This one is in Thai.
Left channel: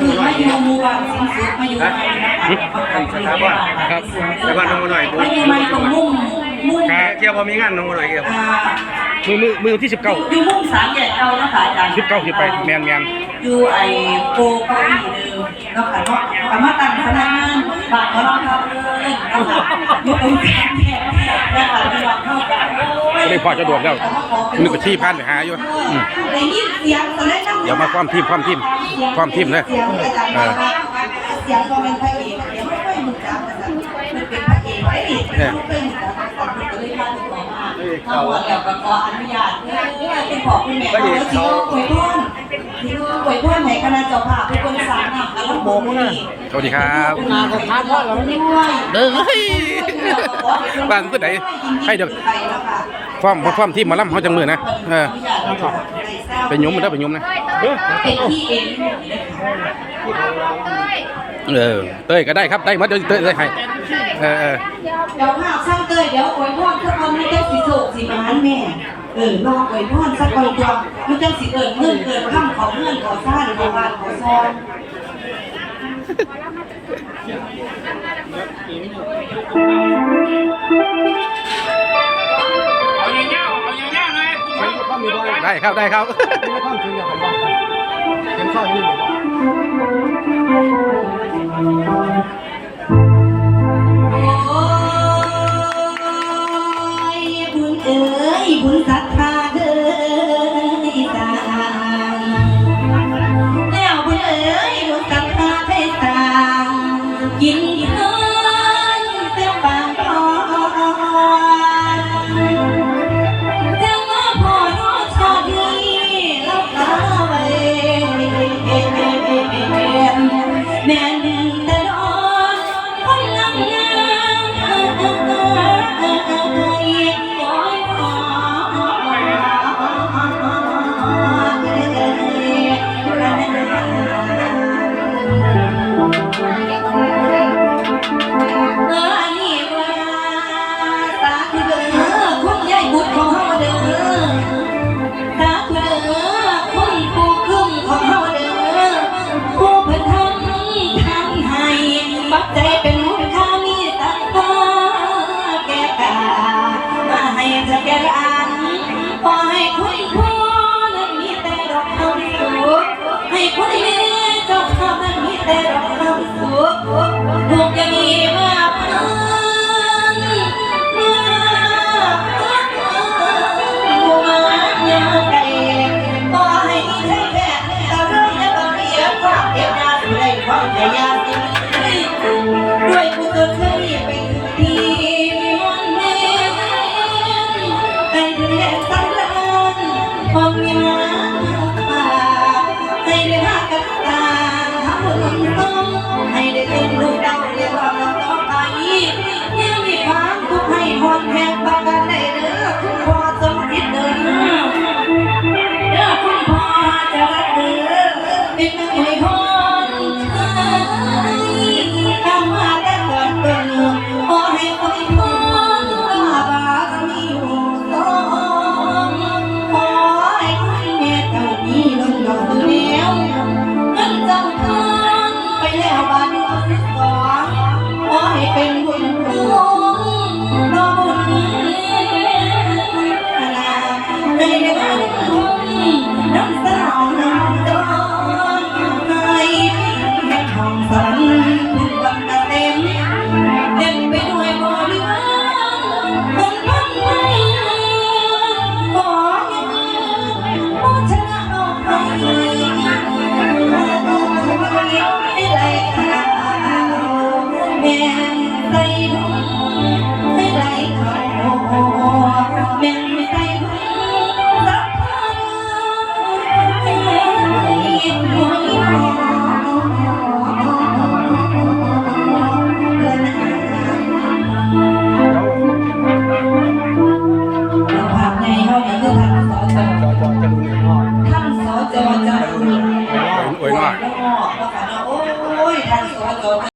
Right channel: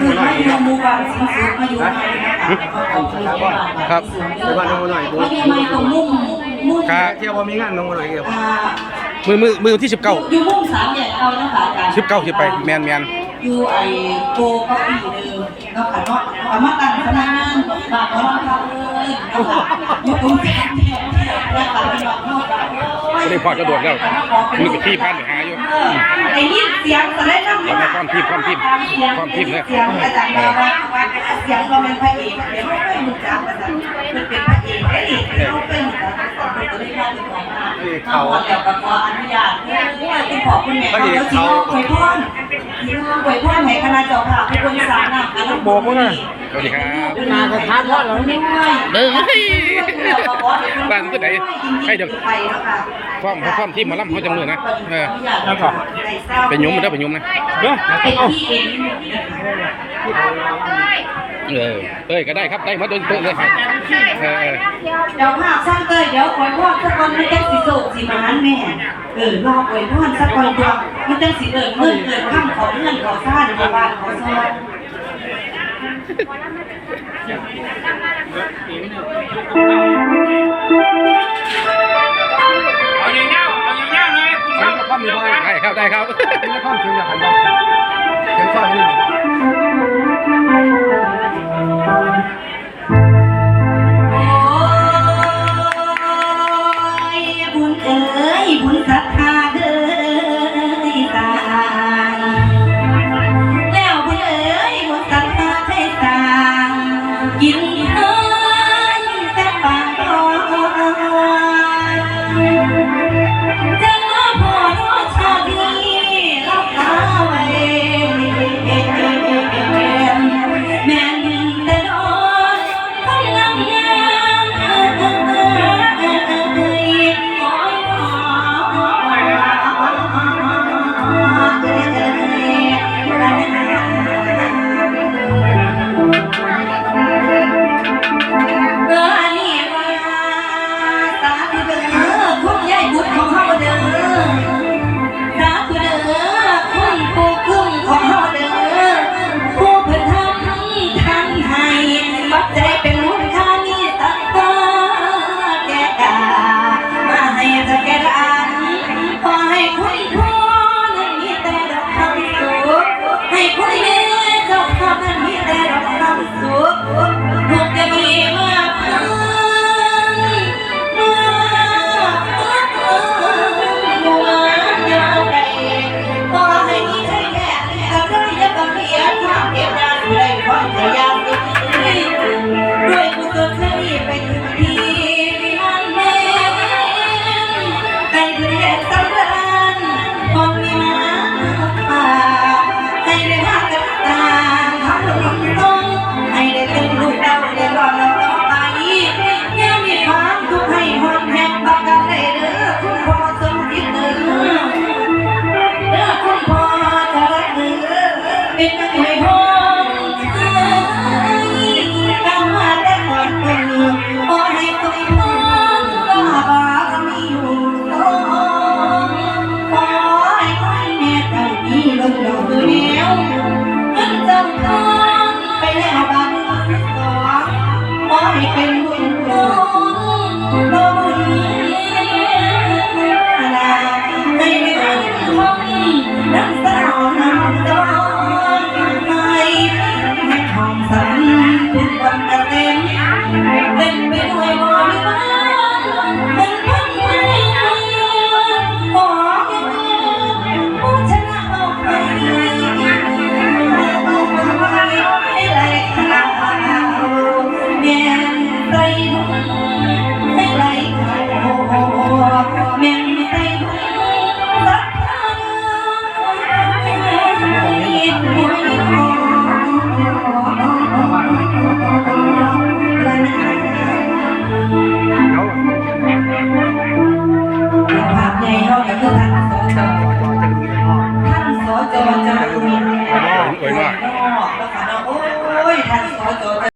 คือไมาอยู่หมู่บ้านสิงสุขมาอยู่ใหม่นะคะขอบคุณค่ะครับไปบ้านน้องหน่อยไมาอยู่ม่ตรงมุ่งมุ่งเที่ยวพอมีงานน้องอะไรเกี่ยวมือมือมือที่สิบเก้าอยู่มุ่งสามแยกเก่านะคะอาจารย์สิบเก้าที่ไปแมนแมนอยู่ไอ้โปเก้าอี้เดิมเนาะค่ะเนาะกำมาตั้งคณะงานบาทก็ร้องรับเลยเนาะค่ะอยู่ตรงกลางแยกนะคะพี่น้องเข้ากัน ก็ได้พอจะโดดแล้วนึกว่าที่พันไปหาอยู่ได้ยินเสียงแต่ได้นั่งอย่ามาความทีมความทีมความทีมเลยเสียงอาจารย์บอกว่าเสียงก็เป็นพระเอกเสียงไม่ค่อยรู้จักมันนะมันเป็นพระเอกไอ้เอกเขาเป็นแต่ตอนนี้ก็ได้มาถึงของมาเขาแล้วก็ขออนุญาตเพื่อเป็นขอคุณแม่เขาสิอวยพ รอวยพรให้คณะเจ้าภาพทุกคนสร้างน้ำกันแล้วบอกว่าสวัสดีครับด้วยเฮ้ยบ้านเพื่อนไหนให้เดี๋ยวไปแล้วค่ะความความทีมหมาล่ำเขาจังมือนะเออเป็นยมมันได้เป็นยมนะเด้อเป็นที่เองนะเออเต้ยก็ได้ครับได้มาเดินเต้ยเลยให้เออเออเดี๋ยวภาพสร้างเตยเดี๋ยวอวยพรสักคนมันจะสิโศกสิมาหันแม่เออรออวยพรสักคนตัว มันจะสิเอิญเงินเอิญข้ามของเงินของซ่านขอบ้านขอซองเอาอย่างเงี้ยเอาอย่างเงี้ยเลยคุณเข้าเรื่องกันได้ครับได้ครับความจริงอย่างไรบ้างยังข้อนี้โอ้ยบุญเอ๋ยบุญศรั กิน ใจเป็นมุขค่ามีตักตาแก่กามาให้จะแก่อันขอให้คุณพ่อนั้นมีแต่ดอกคำสุขให้คุณแม่เจ้าข้านั้นมีแต่ดอกคำสุขลูกจะมีมาเพิ่นมาเพิ่นบัวยาวไกลก็ให้มีใจแก่เราเรื่อยา เก็บงานด้วยคยเคยไปถึงที่มันแม่ให้ถึงแห่งสำเร็จความมีงา อเนี่ยคือท่านสอจอท่านสอจอจากอุดรอวยหน่อยแล้วค่ะเนาะโอ้ยท่านสอจอ